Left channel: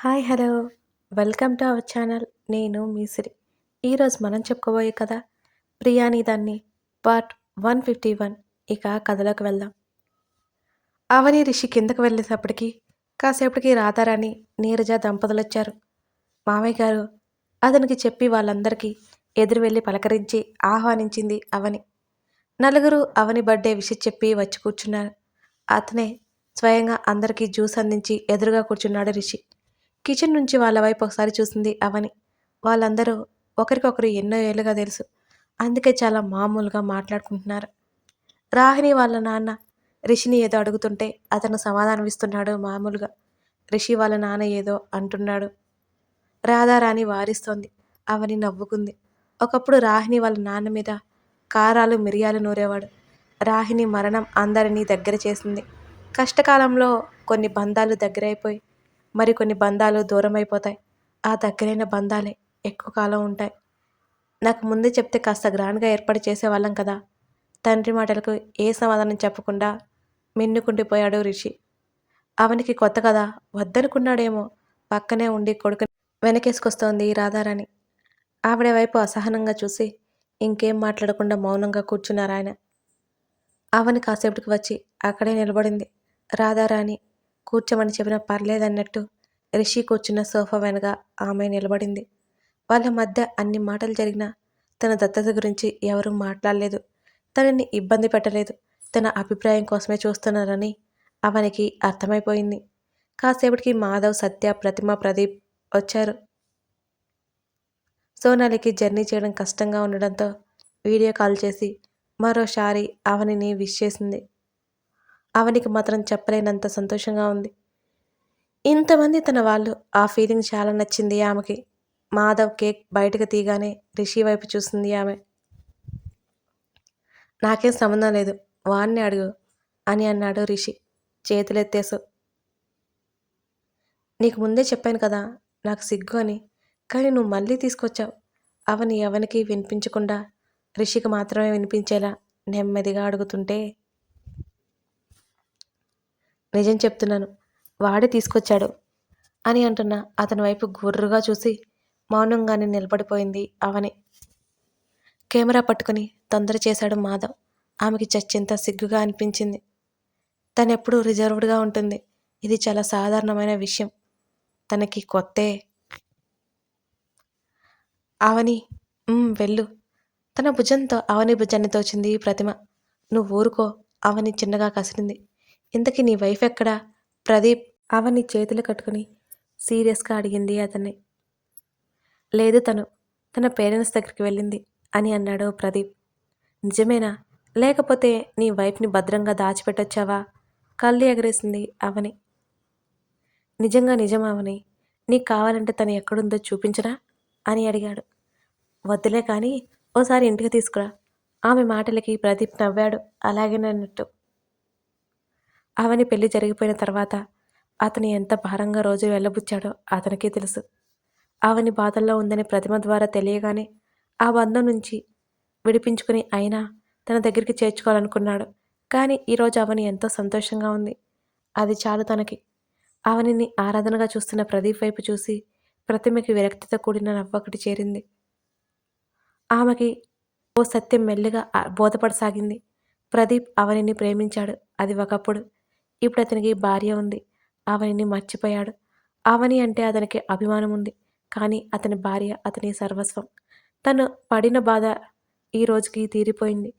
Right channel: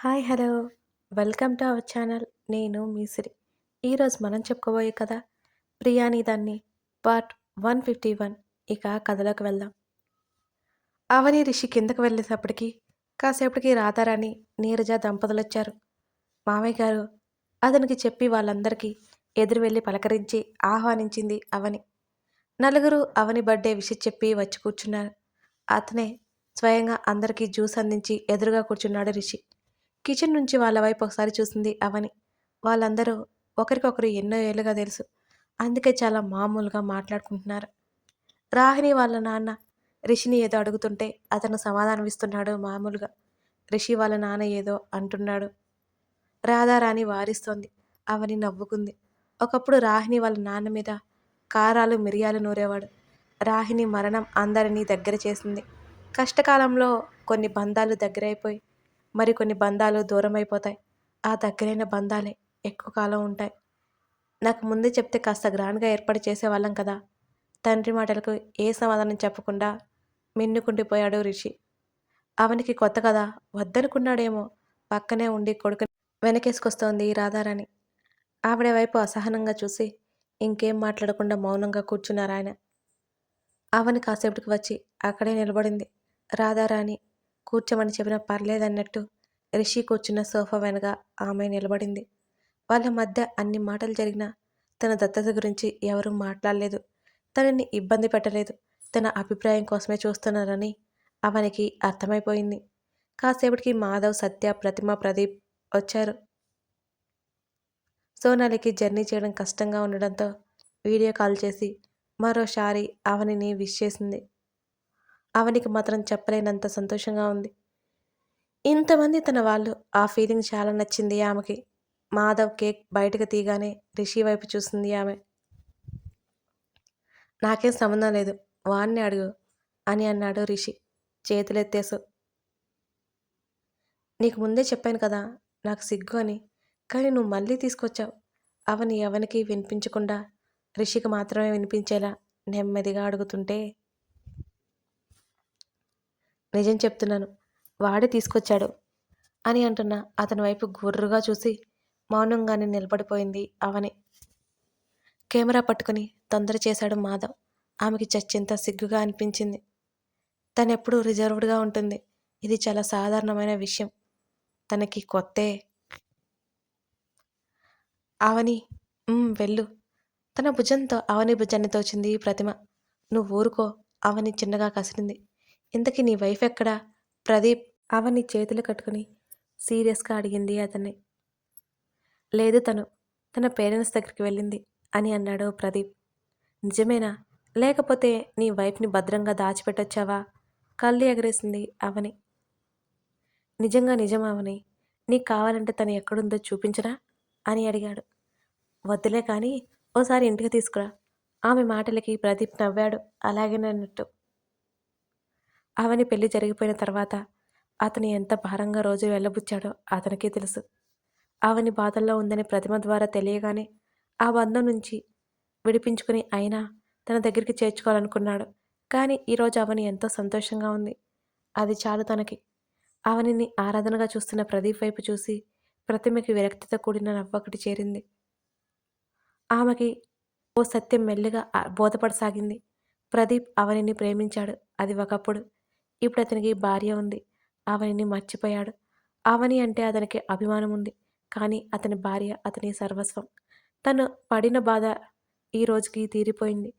Hi hello. Welcome to our channel. నేను మీసిరి ఈరోజు మనం చెప్పుకోబోయే కథ ప్రియాని దాన్ని పార్ట్ వన్ ఫిఫ్టీ వన్ ఇక కథలోకి వెళ్దాం. అవని రిషి కిందకు వెళ్ళేటప్పటికి కాసేపటికి రాధారాణి నీరజ దంపతులు వచ్చారు. మామయ్య గారు అతనికి చెప్పి వాళ్ళందరికీ ఎదురు వెళ్ళి పలకరించి ఆహ్వానించింది అవని. నలుగురు అవని బర్త్డే విషయం చెప్పి వచ్చి కూర్చున్నారు. అతనే స్వయంగా అందరికీ జ్యూస్ అందించి ఎదురుగా కూర్చున్నాడు రిషి. కిచెన్ నుంచి వాళ్ళ వైపు ఒకసారి చూసింది అవని. వాళ్ళందరూ ఒకరికొకరు ఎన్నో ఏళ్ళుగా తెలుసు. అందుకే చాలా మామూలుగా మాట్లాడుకుంటున్నారు. రాహిణి వాళ్ళ నాన్న రిషిని ఏదో అడుగుతుంటే అతను సమాధానం ఇస్తున్నాడు మామూలుగా. రిషి వాళ్ళ నాన్న ఏదో అంటున్నాడు. రాధారాణి వారిస్తోంది. అవని నవ్వుకుంది. ఒకప్పుడు రాహిణి వాళ్ళ నాన్న మీద కారాలు మిరియాలు నూరేవాడు. రాహిణి మరణం అందరినీ దగ్గర చేసింది. కష్టకాలంలో కొన్ని బంధాలు దగ్గరైపోయి మరికొన్ని బంధాలు దూరం అయిపోతాయి ఆ దగ్గరైన బంధాలే ఎక్కువ కాలం ఉంటాయి. నాకు ముందే చెప్తే కాస్త గ్రాండ్గా ఏర్పాటు చేసేవాళ్ళం కదా. తండ్రి మాటలకు ఏ సమాధానం చెప్పకుండా మిన్నుకుండిపోయాడు రిషి. అవనికి కొత్త కదా వద్దనుకున్నాడేమో. పక్కనే ఉండి కొడుకు వెనకేసుకొస్తోంది రాధారాణి. ఆవిడ వైపు అసహనంగా చూసి ఇంకేం మాట్లాడకుండా మౌనంగా కూర్చున్నారు ఆయన. అవని కాసేపటికి వచ్చి అక్కడే నిలబడింది. రాధారాణి కూర్చోమని చెప్పినా పర్లేదన్నట్టు రిషి కూర్చున్న సోఫా వెనక ఆమె నిలబడింది. వాళ్ళ మధ్య అన్ని మాటలు జరిగినా తన దత్తత గురించి ఎవరూ మాట్లాడలేదు. తనని ఇబ్బంది పెట్టలేదు. తన అభిప్రాయం కోసమే చూస్తున్నారని అవనికి అర్థమైపోయింది. కాసేపటికి మాధవ్ సత్య ప్రతిమ ప్రదీప్ వచ్చారు. సోనాలికి జర్నీ చేయడం కష్టంగా ఉండడంతో వీడియో కాల్ చేసి మరోసారి అవనిని విష్ చేసింది. అవనికి మాత్రం చెప్పలేనంత సంతోషంగా ఉంది. ఇంతమంది తన వాళ్ళు ఆ ఫీలింగ్ చాలా నచ్చింది ఆమెకి. మాధవ్ కేక్ బయటకు తీయగానే రిషి వైపు చూసింది ఆమె. నాకేం సంబంధం లేదు వాణ్ణి అడుగు అని అన్నాడు రిషి. చేతులెత్తేసు నీకు ముందే చెప్పాను కదా నాకు సిగ్గు అని కానీ నువ్వు మళ్ళీ తీసుకొచ్చావు. అవని ఎవనికి వినిపించకుండా రిషికి మాత్రమే వినిపించేలా నెమ్మదిగా అడుగుతుంటే నిజం చెప్తున్నాను వాడే తీసుకొచ్చాడు అని అంటున్న అతని వైపు గుర్రుగా చూసి మౌనంగానే నిలబడిపోయింది అవని. కెమెరా పట్టుకుని తొందర చేశాడు మాధవ్. ఆమెకి చచ్చింత సిగ్గుగా అనిపించింది. తనెప్పుడూ రిజర్వ్డ్గా ఉంటుంది. ఇది చాలా సాధారణమైన విషయం. తనకి కొత్తే. అవని వెళ్ళు. తన భుజంతో అవని భుజాన్ని తోచింది ప్రతిమ. నువ్వు ఊరుకో. అవని చిన్నగా కసిరింది ఇంతకీ నీ వైఫ్ ఎక్కడా? ప్రదీప్ అవని చేతులు కట్టుకుని సీరియస్గా అడిగింది అతన్ని. లేదు తను తన పేరెంట్స్ దగ్గరికి వెళ్ళింది అని అన్నాడు ప్రదీప్. నిజమేనా? లేకపోతే నీ వైఫ్ని భద్రంగా దాచిపెట్టొచ్చావా? కళ్ళు ఎగరేసింది అవని. నిజంగా నిజం అవని నీకు కావాలంటే తను ఎక్కడుందో చూపించరా? అని అడిగాడు. వద్దులే కానీ ఓసారి ఇంటికి తీసుకురా. ఆమె మాటలకి ప్రదీప్ నవ్వాడు అలాగేనన్నట్టు. అవని పెళ్ళి జరిగిపోయిన తర్వాత అతను ఎంత భారంగా రోజు వెళ్ళబుచ్చాడో అతనికే తెలుసు. ఆవని బాధల్లో ఉందని ప్రతిమ ద్వారా తెలియగానే ఆ బంధం నుంచి విడిపించుకుని అయినా తన దగ్గరికి చేర్చుకోవాలనుకున్నాడు. కానీ ఈరోజు అవని ఎంతో సంతోషంగా ఉంది. అది చాలు తనకి. అవనిని ఆరాధనగా చూస్తున్న ప్రదీప్ వైపు చూసి ప్రతిమకి విరక్తితో కూడిన నవ్వొకటి చేరింది. ఆమెకి ఓ సత్యం మెల్లిగా బోధపడసాగింది. ప్రదీప్ అవనిని ప్రేమించాడు. అది ఒకప్పుడు. ఇప్పుడు అతనికి భార్య ఉంది. ఆవనిని మర్చిపోయాడు. ఆవని అంటే అతనికి అభిమానం ఉంది కానీ అతని భార్య అతని సర్వస్వం. తను పడిన బాధ ఈ రోజుకి తీరిపోయింది.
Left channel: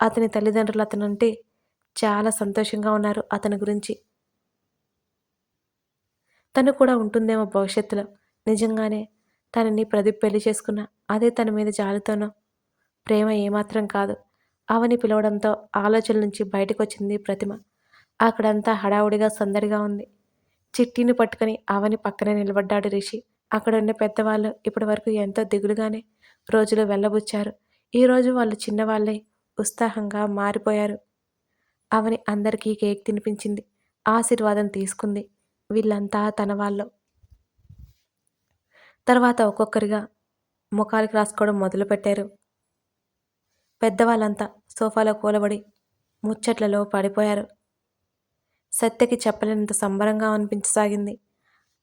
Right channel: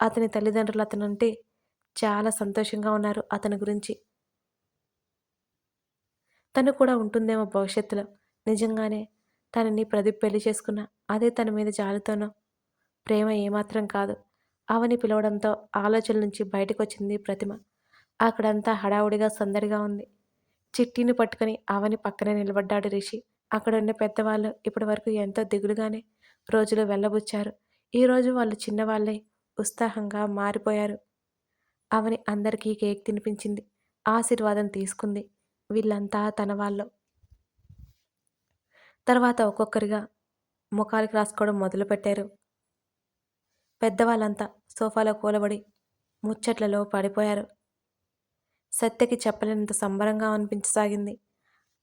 అతని తల్లిదండ్రులు అతనంటే చాలా సంతోషంగా ఉన్నారు అతని గురించి. తను కూడా ఉంటుందేమో భవిష్యత్తులో. నిజంగానే తనని ప్రదీప్ పెళ్ళి చేసుకున్న అదే తన మీద జాలితోనో? ప్రేమ ఏమాత్రం కాదు. అవని పిలవడంతో ఆలోచన నుంచి బయటకు వచ్చింది ప్రతిమ. అక్కడంతా హడావుడిగా సందడిగా ఉంది. చిట్టిని పట్టుకుని అవని పక్కనే నిలబడ్డాడు రిషి. అక్కడ ఉన్న పెద్దవాళ్ళు ఇప్పటి వరకు ఎంతో దిగులుగానే రోజులు వెళ్ళబుచ్చారు. ఈరోజు వాళ్ళు చిన్నవాళ్ళై ఉత్సాహంగా మారిపోయారు. అవని అందరికీ కేక్ తినిపించింది. ఆశీర్వాదం తీసుకుంది వీళ్ళంతా తన వాళ్ళు. తర్వాత ఒక్కొక్కరిగా ముఖాలకి రాసుకోవడం మొదలుపెట్టారు. పెద్దవాళ్ళంతా సోఫాలో కూలబడి ముచ్చట్లలో పడిపోయారు. సత్యకి చెప్పలేనంత సంబరంగా అనిపించసాగింది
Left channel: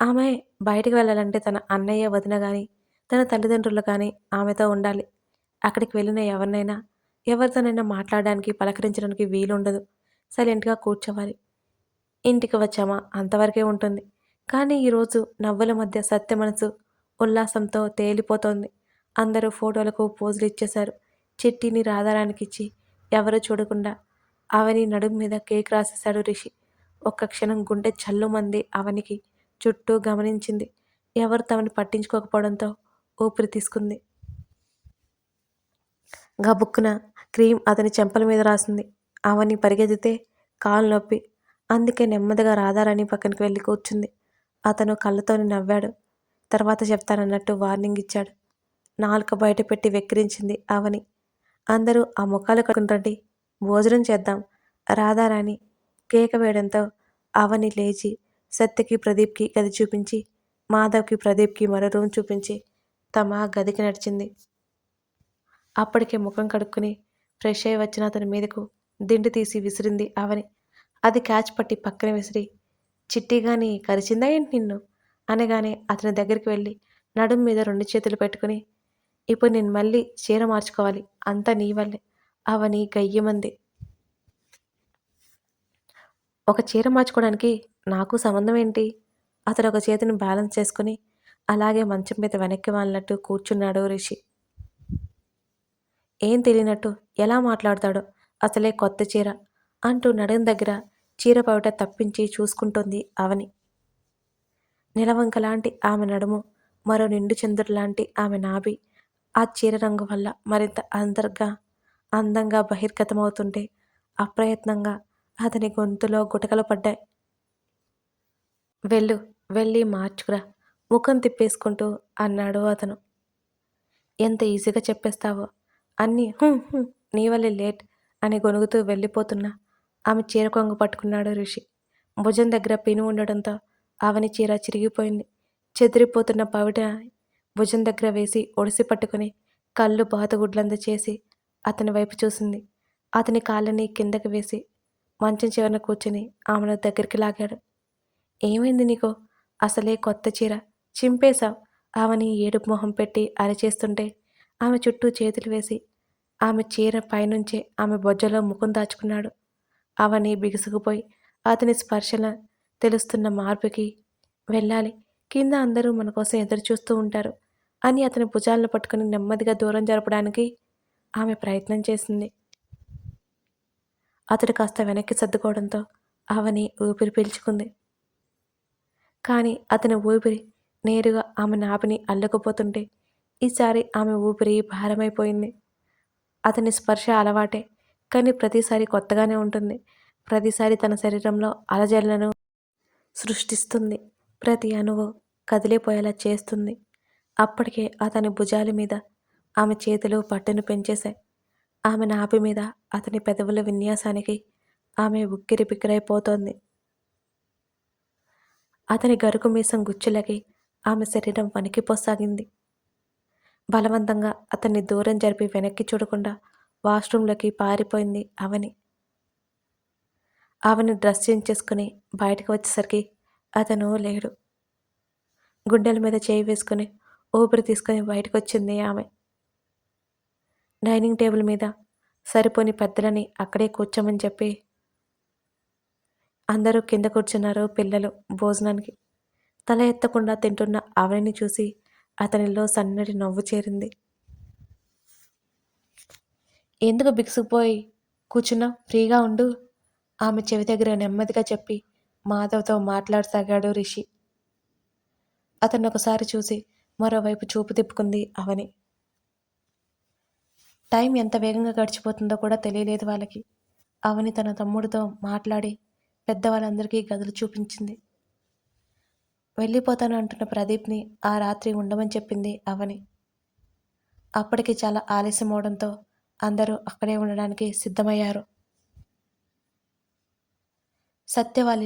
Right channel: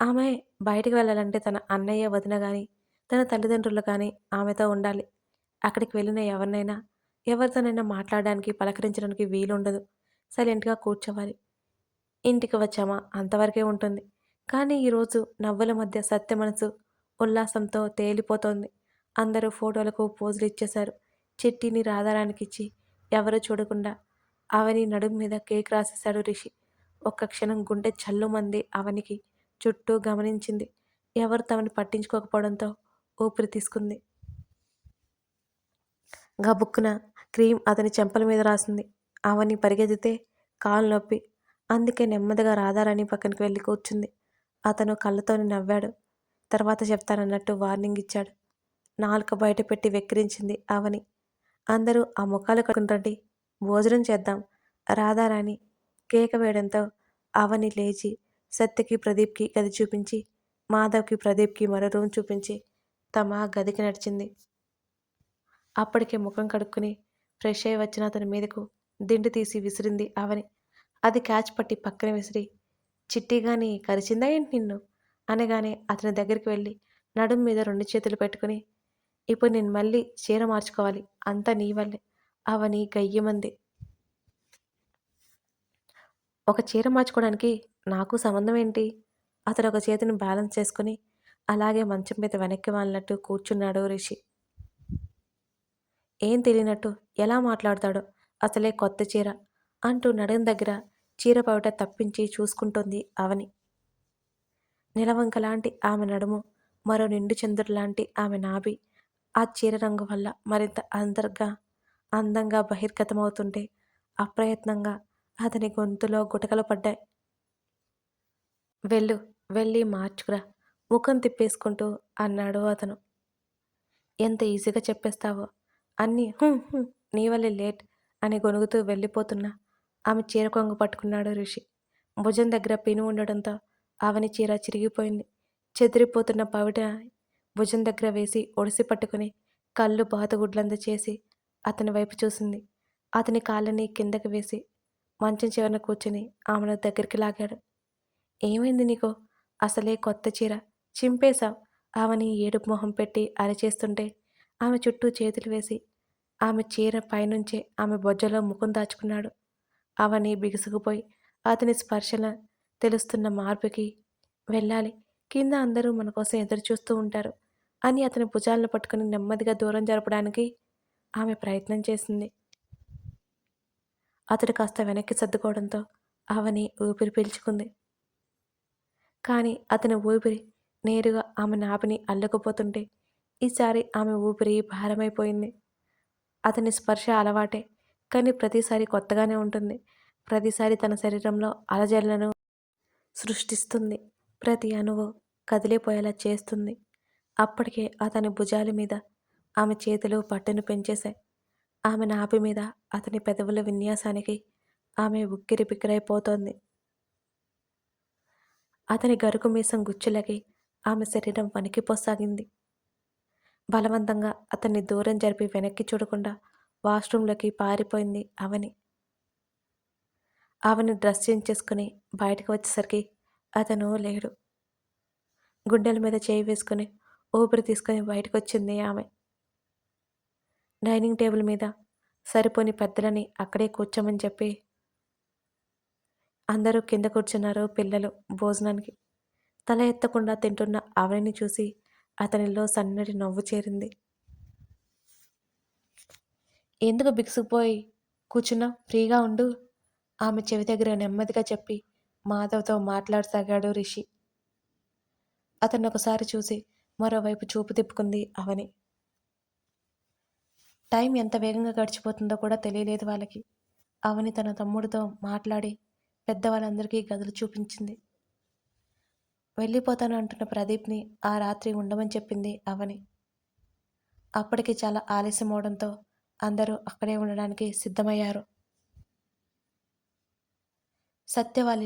ఆమె బయటికి వెళ్ళాలంటే తన అన్నయ్య, వదిన కానీ తన తల్లిదండ్రులు కానీ ఆమెతో ఉండాలి. అక్కడికి వెళ్ళిన ఎవరినైనా, ఎవరితోనైనా మాట్లాడడానికి, పలకరించడానికి వీలుండదు. సైలెంట్‌గా కూర్చోవాలి. ఇంటికి వచ్చామా అంతవరకే ఉంటుంది. కానీ ఈరోజు నవ్వుల మధ్య సత్య మనసు ఉల్లాసంతో తేలిపోతోంది. అందరూ ఫోటోలకు పోజులు ఇచ్చేశారు. చిట్టిని రాధారాణికిచ్చి ఎవరూ చూడకుండా అవని నడుము మీద కేక్ రాసేశాడు రిషి. ఒక్క క్షణం గుండె చల్లుమంది అవనికి. చుట్టూ గమనించింది. ఎవరు తమని పట్టించుకోకపోవడంతో ఊపిరి తీసుకుంది. గబుక్కున క్రీమ్ అతని చెంపల మీద రాసింది. అవని పరిగెత్తితే కాలు నొప్పి. అందుకే నెమ్మదిగా రాధారాణి పక్కనకి వెళ్ళి కూర్చుంది. అతను కళ్ళతోని నవ్వాడు. తర్వాత చెప్తానన్నట్టు వార్నింగ్ ఇచ్చాడు. నాలుక బయట పెట్టి వెక్కిరించింది అవని. అందరూ ఆ ముఖాలు కడుకుంటండి భోజనం చేద్దాం. రాధారాణి కేక వేయడంతో అవని లేచి సత్యకి ప్రదీప్కి గది చూపించి మాధవ్కి ప్రదీప్కి మరో రూమ్ చూపించి తమ గదికి నడిచింది. అప్పటికే ముఖం కడుక్కుని ఫ్రెష్ అయి వచ్చిన అతని మీదకు దిండు తీసి విసిరింది అవని. అది క్యాచ్ పట్టి పక్కన విసిరి చిట్టిగాని కరిచిందా ఏంటి నిన్ను అనగానే అతని దగ్గరికి వెళ్ళి నడుం మీద రెండు చేతులు పెట్టుకుని ఇప్పుడు నేను మళ్ళీ చీర మార్చుకోవాలి అంతా నీ వల్లే అవని గయ్యమంది ఒక చీర మార్చుకోవడానికి నాకు సంబంధం ఏంటి? అతడు ఒక చేతిని బ్యాలెన్స్ చేసుకుని అలాగే మంచం మీద వెనక్కి వాళ్ళినట్టు కూర్చున్నాడు రిషి. ఏం తెలియనట్టు ఎలా మాట్లాడతాడో అసలే కొత్త చీర అంటూ నడుం దగ్గర చీర పవిట తప్పించి చూసుకుంటుంది అవని. నిలవంక లాంటి ఆమె నడుము మరో నిండు చంద్రుడు లాంటి ఆమె నాభి ఆ చీర రంగు వల్ల మరింత అంతర్గా అందంగా బహిర్గతమవుతుంటే అప్రయత్నంగా అతని గొంతులో గుటకలు పడ్డాయి. వెళ్ళు వెళ్ళి మార్చుకురా. ముఖం తిప్పేసుకుంటూ అన్నాడు అతను. ఎంత ఈజీగా చెప్పేస్తావో. అన్నీ "హుం, హుం, నీ వల్లే లేట్ అని గొనుగుతూ వెళ్ళిపోతున్నా. ఆమె చీర కొంగు పట్టుకున్నాడు ఋషి భుజం దగ్గర పిను ఉండడంతో ఆవని చీర చిరిగిపోయింది. చెదిరిపోతున్న పవిట భుజం దగ్గర వేసి ఒడిసి పట్టుకుని కళ్ళు బాతగుడ్లంద చేసి అతని వైపు చూసింది. అతని కాళ్ళని కిందకి వేసి మంచం చివరన కూర్చుని ఆమెను దగ్గరికి లాగాడు. ఏమైంది నీకో? అసలే కొత్త చీర చింపేశావు? ఆమెని ఏడుపు మొహం పెట్టి అరిచేస్తుంటే ఆమె చుట్టూ చేతులు వేసి ఆమె చీర పైనుంచే ఆమె బొజ్జలో ముఖం దాచుకున్నాడు. అవని బిగుసుకుపోయి అతని స్పర్శన తెలుస్తున్న మార్పుకి వెళ్ళాలి. కింద అందరూ మన కోసం ఎదురు చూస్తూ ఉంటారు అని అతని భుజాలను పట్టుకుని నెమ్మదిగా దూరం జరపడానికి ఆమె ప్రయత్నం చేసింది. అతడు కాస్త వెనక్కి సర్దుకోవడంతో అవని ఊపిరి పీల్చుకుంది. కానీ అతని ఊపిరి నేరుగా ఆమె నాభిని అల్లుకుపోతుంటే ఈసారి ఆమె ఊపిరి భారమైపోయింది. అతని స్పర్శ అలవాటే కానీ ప్రతిసారి కొత్తగానే ఉంటుంది. ప్రతిసారి తన శరీరంలో అలజడులను సృష్టిస్తుంది. ప్రతి అణువు కదిలిపోయేలా చేస్తుంది. అప్పటికే అతని భుజాల మీద ఆమె చేతులు పట్టును పెంచేశాయి. ఆమె నాభి మీద అతని పెదవుల విన్యాసానికి ఆమె ఉక్కిరి బిక్కిరైపోతోంది. అతని గరుకు మీసం గుచ్చులకి ఆమె శరీరం వణికిపోసాగింది. బలవంతంగా అతన్ని దూరం జరిపి వెనక్కి చూడకుండా వాష్రూంలోకి పారిపోయింది అవని. అవని డ్రెస్ చేంజ్ చేసుకుని బయటకు వచ్చేసరికి అతను లేడు. గుండెల మీద చేయి వేసుకుని ఊపిరి తీసుకుని బయటకు వచ్చింది ఆమె. డైనింగ్ టేబుల్ మీద సరిపోని పెద్దలని అక్కడే కూర్చోమని చెప్పి అందరూ కింద కూర్చున్నారు పిల్లలు భోజనానికి. తల ఎత్తకుండా తింటున్న ఆవిడని చూసి అతనిలో సన్నటి నవ్వు చేరింది. ఎందుకు బిగుసుకుపోయి? కూర్చున్నా ఫ్రీగా ఉండు ఆమె చెవి దగ్గర నెమ్మదిగా చెప్పి మాధవ్తో మాట్లాడసాగాడు రిషి. అతన్ని ఒకసారి చూసి మరోవైపు చూపు తిప్పుకుంది అవని. టైం ఎంత వేగంగా గడిచిపోతుందో కూడా తెలియలేదు వాళ్ళకి. అవని తన తమ్ముడితో మాట్లాడి పెద్దవాళ్ళందరికీ గదులు చూపించింది. వెళ్ళిపోతాను అంటున్న ప్రదీప్ని ఆ రాత్రి ఉండమని చెప్పింది అవని. అప్పటికి చాలా ఆలస్యం అవడంతో అందరూ అక్కడే ఉండడానికి సిద్ధమయ్యారు. సత్య వాళ్ళ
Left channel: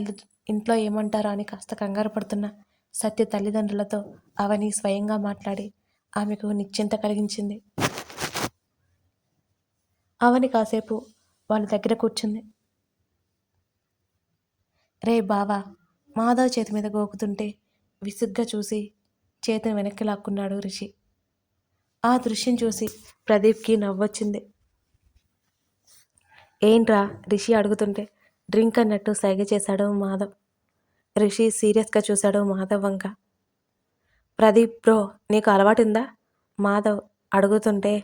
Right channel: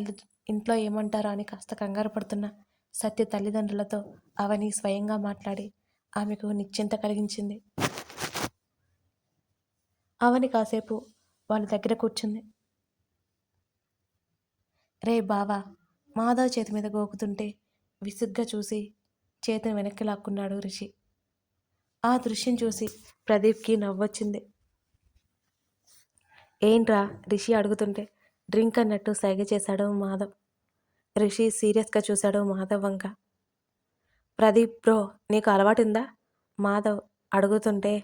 ఇంట్లో ఏమంటారో అని కాస్త కంగారు పడుతున్న సత్య తల్లిదండ్రులతో అవని స్వయంగా మాట్లాడి ఆమెకు నిశ్చింత కలిగించింది. అవని కాసేపు వాళ్ళ దగ్గర కూర్చుంది. రే బావా మాధవ్ చేతి మీద గోకుతుంటే విసుగ్గా చూసి చేతిని వెనక్కి లాక్కున్నాడు రిషి. ఆ దృశ్యం చూసి ప్రదీప్కి నవ్వొచ్చింది. ఏంట్రా? రిషి అడుగుతుంటే డ్రింక్ అన్నట్టు సైగ చేశాడు మాధవ్. రిషి సీరియస్గా చూశాడు మాధవ్ వంక. ప్రదీప్ బ్రో నీకు అలవాటుందా? మాధవ్ అడుగుతుంటే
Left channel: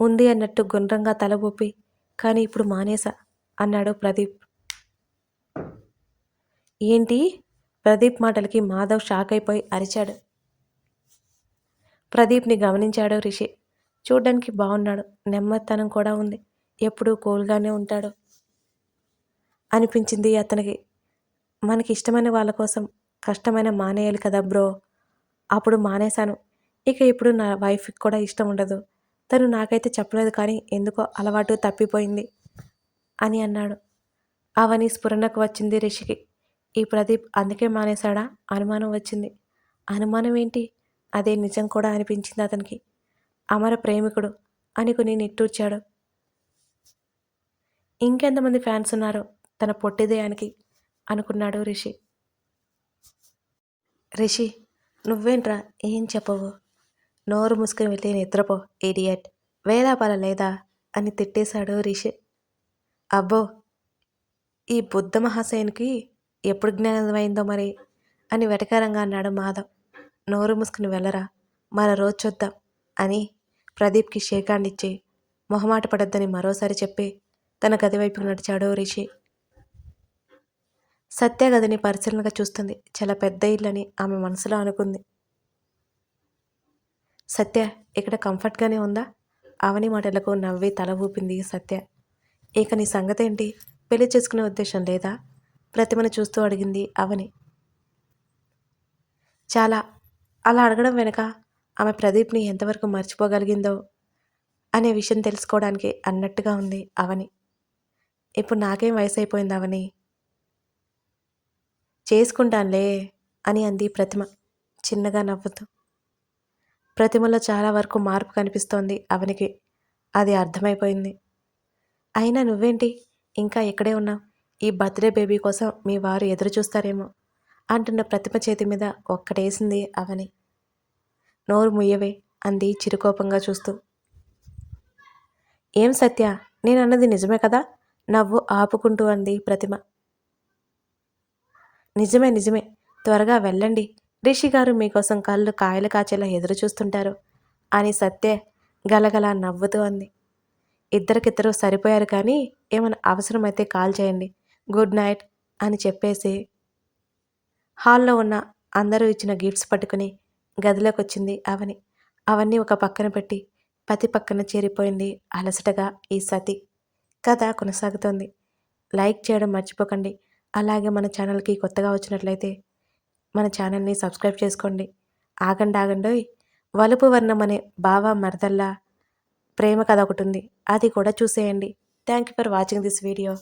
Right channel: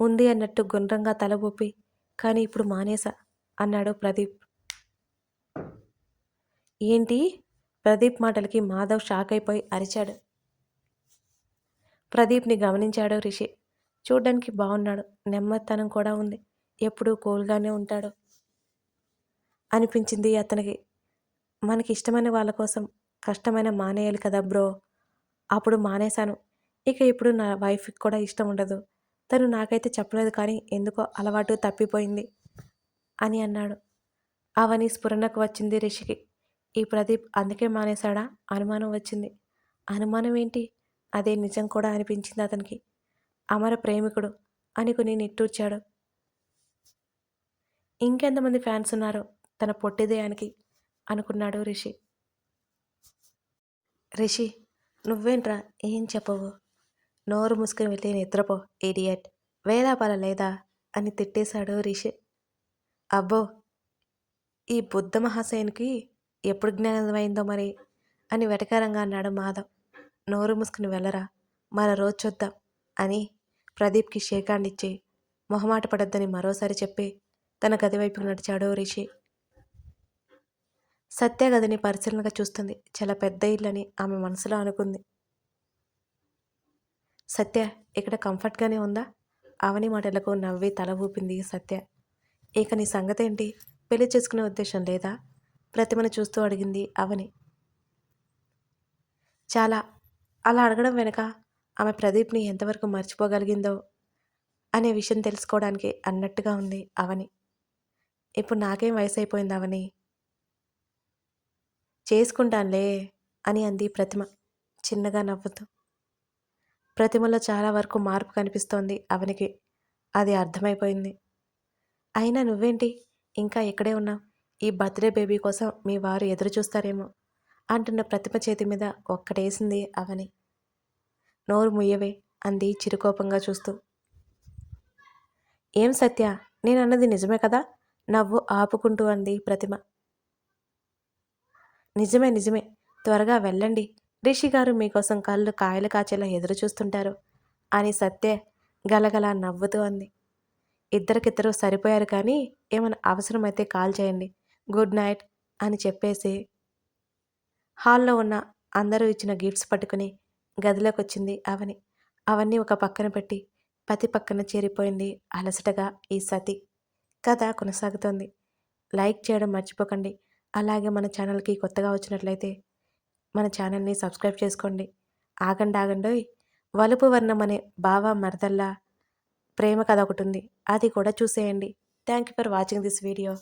ఉంది అన్నట్టు గుండ్రంగా తల ఊపి కానీ ఇప్పుడు మానేసా అన్నాడు ప్రదీప్. ఏంటి? ప్రదీప్ మాటలకి మాధవ్ షాక్ అయిపోయి అరిచాడు. ప్రదీప్ని గమనించాడు రిషి. చూడ్డానికి బాగున్నాడు నెమ్మదితనం కూడా ఉంది. ఎప్పుడూ కూల్గానే ఉంటాడు అనిపించింది అతనికి. మనకి ఇష్టమైన వాళ్ళ కోసం కష్టమైన మానేయాలి కదా బ్రో. అప్పుడు మానేశాను. ఇక ఇప్పుడు నా వైఫ్కి కూడా ఇష్టం ఉండదు. తను నాకైతే చెప్పలేదు కానీ ఎందుకో అలవాటు తప్పిపోయింది అని అన్నాడు. అవని స్ఫురణకు వచ్చింది రిషికి. ఈ ప్రదీప్ అందుకే మానేశాడా? అనుమానం వచ్చింది. అనుమానం ఏంటి? అదే నిజం కూడా అనిపించింది అతనికి. అమర ప్రేమికుడు అనుకుని నిట్టూర్చాడు. ఇంకెంతమంది ఫ్యాన్స్ ఉన్నారో? తన పొట్టిదేయానికి అనుకున్నాడు రిషి. రిషి నువ్వేంట్రా? ఏం చెప్పవు? నోరు మూసుకుని వెళ్ళి నిద్రపో ఇడియట్. వేలాపాల లేదా? అని తిట్టేశాడు రిషి. అబ్బో! ఈ బుద్ధ మహాశయునికి ఎప్పుడు జ్ఞానమైందో మరి? అని వెటకారంగా అన్నాడు మాధవ్. నోరు మూసుకుని వెళ్ళరా? మరో రోజు చూద్దాం అని ప్రదీప్కి షేకాండిచ్చి మొహమాట పడొద్దని మరోసారి చెప్పి తన గది వైపుకు నడిచాడు రిషి. సత్య గదిని పరిశీలనగా చూస్తుంది. చాలా పెద్ద ఇల్లని ఆమె మనసులో అనుకుంది. సత్య ఇక్కడ కంఫర్ట్గానే ఉందా? అవని మాటలకు నవ్వి తల ఊపింది సత్య. ఇక నీ సంగతి ఏంటి పెళ్ళి చేసుకునే ఉద్దేశం లేదా? ప్రతిమను చూస్తూ అడిగింది అవని. చాలా. అలా అడగడం వెనుక ఆమె ప్రదీప్ని ఎంతవరకు మర్చిపోగలిగిందో అనే విషయం తెలుసుకోవడానికి అన్నట్టుగా ఉంది అవని. ఇప్పుడు నాకేం వయసు అయిపోయింది అవని? చేసుకుంటానులే అని అంది ప్రతిమ చిన్నగా నవ్వుతూ. ప్రతిమలో చాలా వరకు మార్పు కనిపిస్తోంది. అవనికి అది అర్థమైపోయింది. అయినా నువ్వేంటి? ఇంకా ఇక్కడే ఉన్నావు? ఈ బర్త్డే బేబీ కోసం మీ వారు ఎదురు చూస్తారేమో? అంటున్న ప్రతిమ చేతి మీద ఒక్కటేసింది అవని. నోరు ముయ్యవే అంది చిరుకోపంగా చూస్తూ. ఏం సత్య? నేను అన్నది నిజమే కదా? నవ్వు ఆపుకుంటూ అంది ప్రతిమ. నిజమే నిజమే. త్వరగా వెళ్ళండి. రిషి గారు మీకోసం కళ్ళు కాయలు కాచేలా ఎదురు చూస్తుంటారు. అని సత్య గలగల నవ్వుతూ అంది. ఇద్దరికిద్దరూ సరిపోయారు కానీ ఏమైనా అవసరమైతే కాల్ చేయండి. గుడ్ నైట్ అని చెప్పేసి హాల్లో ఉన్న అందరూ ఇచ్చిన గిఫ్ట్స్ పట్టుకుని గదిలోకి వచ్చింది అవని. అవన్నీ ఒక పక్కన పెట్టి పతి పక్కన చేరిపోయింది అలసటగా ఈ సతి. కథ కొనసాగుతోంది. లైక్ చేయడం మర్చిపోకండి. అలాగే మన ఛానల్కి కొత్తగా వచ్చినట్లయితే మన ఛానల్ని సబ్స్క్రైబ్ చేసుకోండి. ఆగండి ఆగండోయ్ వలుపు వర్ణం అనే బావా మరదల్లా ప్రేమ కథ ఒకటి ఉంది. అది కూడా చూసేయండి. Thank you for watching this video.